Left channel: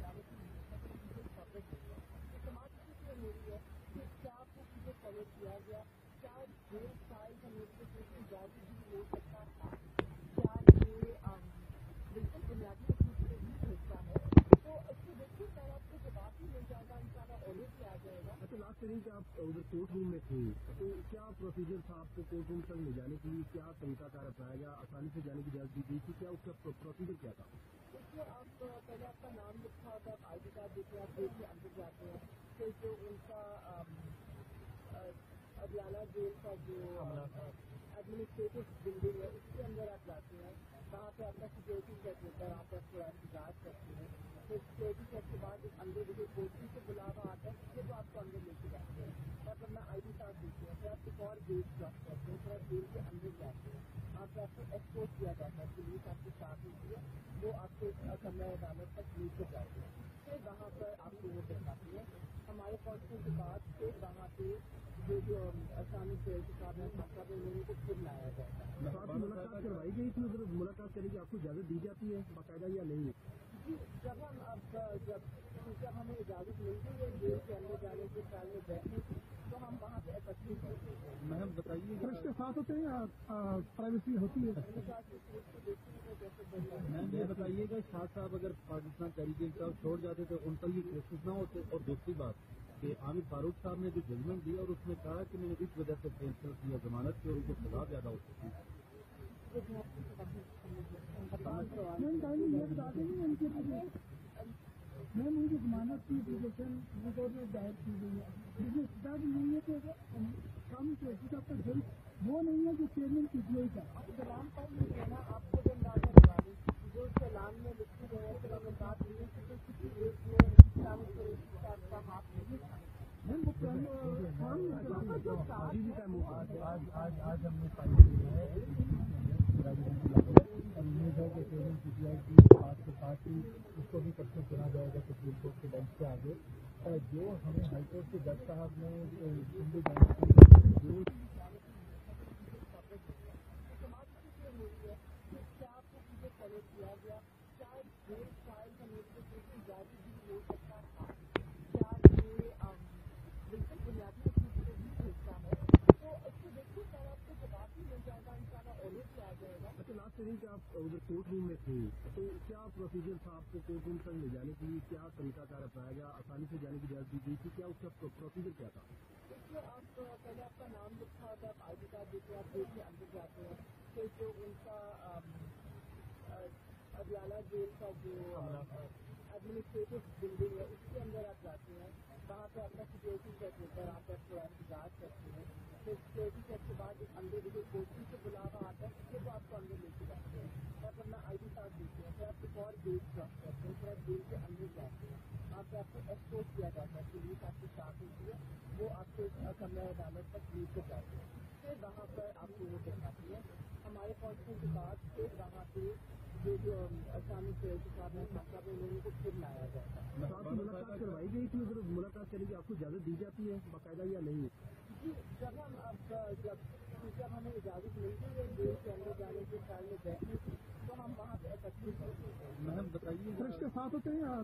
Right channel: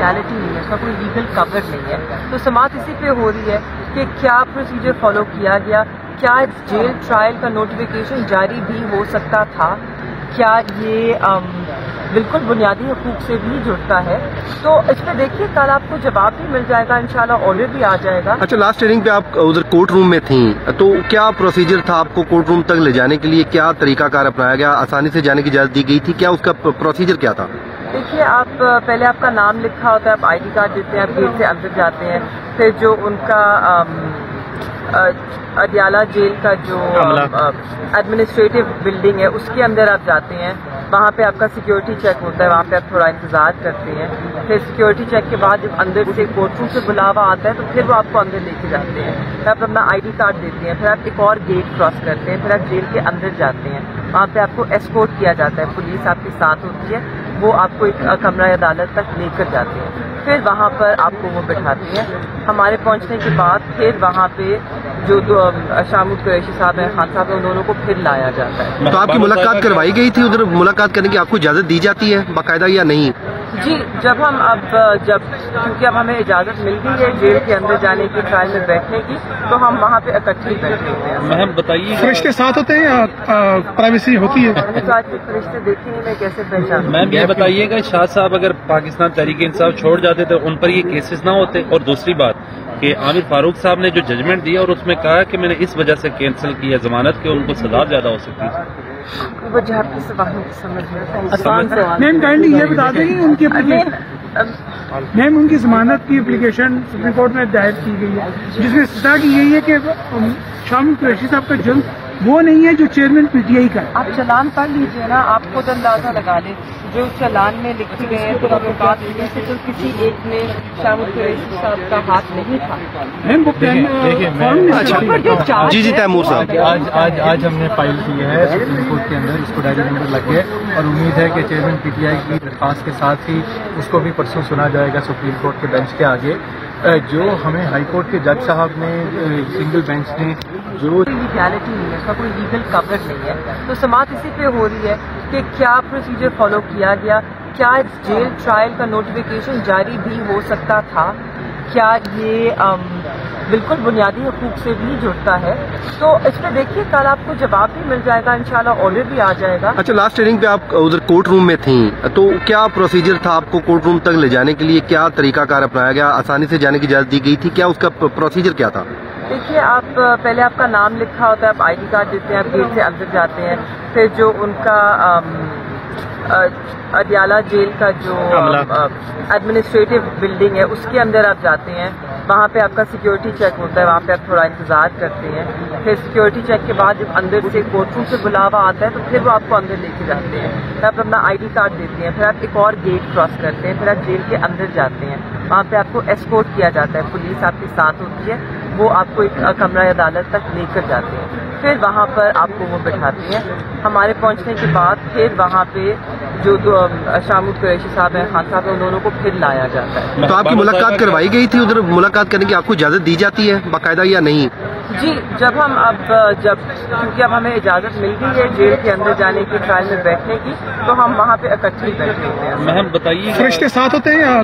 Legality नहीं है, इसका कोई लीगल कवर नहीं है। तो समाअत इसी पे हो रही है कि क्या प्रोसीजर फॉलो किया गया, क्या जेल ट्रायल का नोटिफिकेशन जारी भी हो सकता था, क्या ये बिल्कुल बुनियादी हकूक से भी जुड़ता है। तो इस पर देखिए कल आपको जवाब भी मिल जाएगा, इंशाल्लाह ऑर्डर भी आ जाएगा। अच्छा, लास्ट हियरिंग पे आप उधर कोर्ट रूम में थी, तो क्या प्रोसीजर था आपको कोर्ट रूम तक ले जाने के लिए? क्या तरीकाकार अपनाया गया? आसानी से जाने की इजाजत दी गई थी? क्या उसका प्रोसीजर क्या था? देखिए, आप पहले आपका नाम लिखा होता है, आप ID कार्ड देते हैं, आप गेट से अंदर जाते हैं, फिर जो उनका अडियाला जेल का जो एडमिनिस्ट्रेटिव बिल्डिंग है उसके अंदर आप जाते हैं, वहाँ पे आपका सिक्योरिटी चेक होता है, वहाँ पे आप थोड़ा इंतजार करते हैं। फिर सिक्योरिटी चेक के बाद जब अंदर से कोर्ट रूम से बुलावा आता है तो फिर वो आपको अंदर लेके जाते हैं, फिर आप अपना ID कार्ड देते हैं, फिर आप एक और गेट क्रॉस करते हैं, फिर आप जेल के अंदर जाते हैं, वहाँ पे आपको एस्कॉर्ट किया जाता है, पुलिस आपके साथ होती है, वो आपको एक कमरा अदालत तक लेकर जाते हैं, फिर वहाँ पर आपको वो बिठाती हैं। हमारे पहुँचने के बाद फिर वहाँ पे जो शामुद कुरैशी साहब हैं, खान साहब हैं, उन दोनों को फिर लाया जाता है। तो आपकी मुलाकात करवाई गई थी? उधर मुलाकात करने की आपको इजाजत दी जाती है बाकायदा या नहीं? जी, क्योंकि अब हमें इजाज़त मिल गई है जेल के अंदर जाने की, ट्रायल में बैठने की, तो हम वहाँ पे इकट्ठे बैठे होते हैं। मैम बताइए, फरिश्ते साथ होते हैं या प्राइवेसी होती है? तो आज के फरिश्ते देखे नहीं, मैं कैसे पहचान? मैम ये बताइएगा, शाह साहब अगर पाकिस्तान तहरीक इंसाफ छोड़ जाते तो उन पर ये केसेस ना होते? और दूसरी बात कि आमिर फारूक साहब ने जो जजमेंट दिया और उसमें कहा कि मैंने इस वजह से कैंसिल किया जमानत के, उनको सजा ज्यादा हो सकती थी। वजह आपके सवालों की समझ में आसान सवाल। मैम काइंडली ये बता दें कि उनकी मैम उनकी जमानत की एप्लीकेशन सुप्रीम कोर्ट में दायर की गई है, जिसमें सजा की गई है कि शामुद कुरैशी साहब का जुर्म वो नहीं है जो चेयरमैन PTI का। आप चालान पढ़ लीजिए ना, आप खुद अंदाजा लगा लें जो चालान में लिखी गए हैं, तो तहकीकात से तो किसी एक में शामुद कुरैशी साहब का हाथ नहीं था। मैम वो जी तैमूर साहब, आज हमने फाइल की है सुप्रीम कोर्ट के अंदर, इसको डायरी नंबर लग गया और उम्मीद है कि चेयरमैन PTI की दरख्वास्त के साथ ही उसको भी परसों सुना जाएगा सुप्रीम कोर्ट के बेंच के आगे। जो हमें हाई कोर्ट के जज साहब ने सिंगल बेंच ने जो लीगैलिटी नहीं है, इसका कोई लीगल कवर नहीं है। तो समाअत इसी पे हो रही है कि क्या प्रोसीजर फॉलो किया गया, क्या जेल ट्रायल का नोटिफिकेशन जारी भी हो सकता था, क्या ये बिल्कुल बुनियादी हकूक से भी जुड़ता है। तो इस पर देखिए कल आपको जवाब भी मिल जाएगा, इंशाल्लाह ऑर्डर भी आ जाएगा। अच्छा, लास्ट हियरिंग पे आप उधर कोर्ट रूम में थी, तो क्या प्रोसीजर था आपको कोर्ट रूम तक ले जाने के लिए? क्या तरीकाकार अपनाया गया? आसानी से जाने की इजाजत दी गई थी? क्या उसका प्रोसीजर क्या था? देखिए, आप पहले आपका नाम लिखा होता है, आप ID कार्ड देते हैं, आप गेट से अंदर जाते हैं, फिर जो उनका अडियाला जेल का जो एडमिनिस्ट्रेटिव बिल्डिंग है उसके अंदर आप जाते हैं, वहाँ पे आपका सिक्योरिटी चेक होता है, वहाँ पे आप थोड़ा इंतजार करते हैं। फिर सिक्योरिटी चेक के बाद जब अंदर से कोर्ट रूम से बुलावा आता है तो फिर वो आपको अंदर लेके जाते हैं, फिर आप अपना ID कार्ड देते हैं, फिर आप एक और गेट क्रॉस करते हैं, फिर आप जेल के अंदर जाते हैं, वहाँ पे आपको एस्कॉर्ट किया जाता है, पुलिस आपके साथ होती है, वो आपको एक कमरा अदालत तक लेकर जाते हैं, फिर वहाँ पर आपको वो बिठाती हैं। हमारे पहुँचने के बाद फिर वहाँ पे जो शामुद कुरैशी साहब हैं, खान साहब हैं, उन दोनों को फिर लाया जाता है। तो आपकी मुलाकात करवाई गई थी? उधर मुलाकात करने की आपको इजाजत दी जाती है बाकायदा या नहीं? जी, क्योंकि अब हमें इजाज़त मिल गई है जेल के अंदर जाने की, ट्रायल में बैठने की, तो हम वहाँ पे इकट्ठे बैठे होते हैं। मैम बताइए, फरिश्ते साथ होते हैं या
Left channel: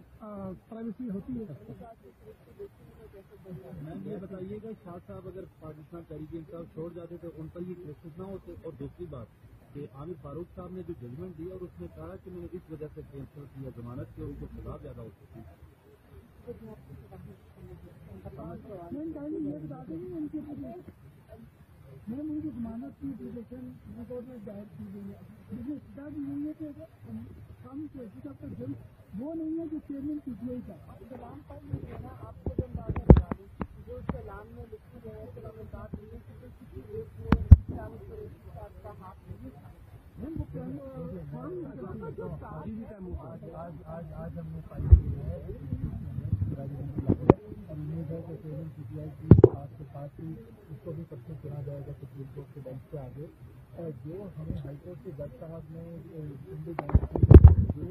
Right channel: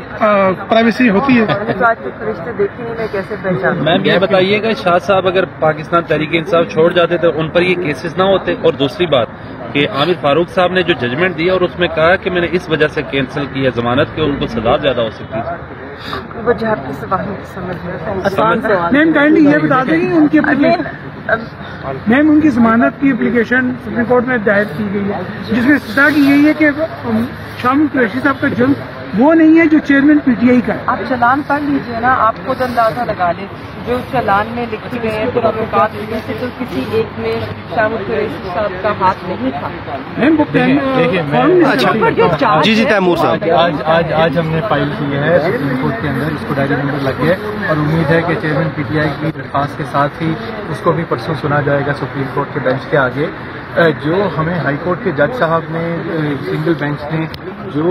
प्राइवेसी होती है? तो आज के फरिश्ते देखे नहीं, मैं कैसे पहचान? मैम ये बताइएगा, शाह साहब अगर पाकिस्तान तहरीक इंसाफ छोड़ जाते तो उन पर ये केसेस ना होते? और दूसरी बात कि आमिर फारूक साहब ने जो जजमेंट दिया और उसमें कहा कि मैंने इस वजह से कैंसिल किया जमानत के, उनको सजा ज्यादा हो सकती थी। वजह आपके सवालों की समझ में आसान सवाल। मैम काइंडली ये बता दें कि उनकी मैम उनकी जमानत की एप्लीकेशन सुप्रीम कोर्ट में दायर की गई है, जिसमें सजा की गई है कि शामुद कुरैशी साहब का जुर्म वो नहीं है जो चेयरमैन PTI का। आप चालान पढ़ लीजिए ना, आप खुद अंदाजा लगा लें जो चालान में लिखी गए हैं, तो तहकीकात से तो किसी एक में शामुद कुरैशी साहब का हाथ नहीं था। मैम वो जी तैमूर साहब, आज हमने फाइल की है सुप्रीम कोर्ट के अंदर, इसको डायरी नंबर लग गया और उम्मीद है कि चेयरमैन PTI की दरख्वास्त के साथ ही उसको भी परसों सुना जाएगा सुप्रीम कोर्ट के बेंच के आगे। जो हमें हाई कोर्ट के जज साहब ने सिंगल बेंच ने जो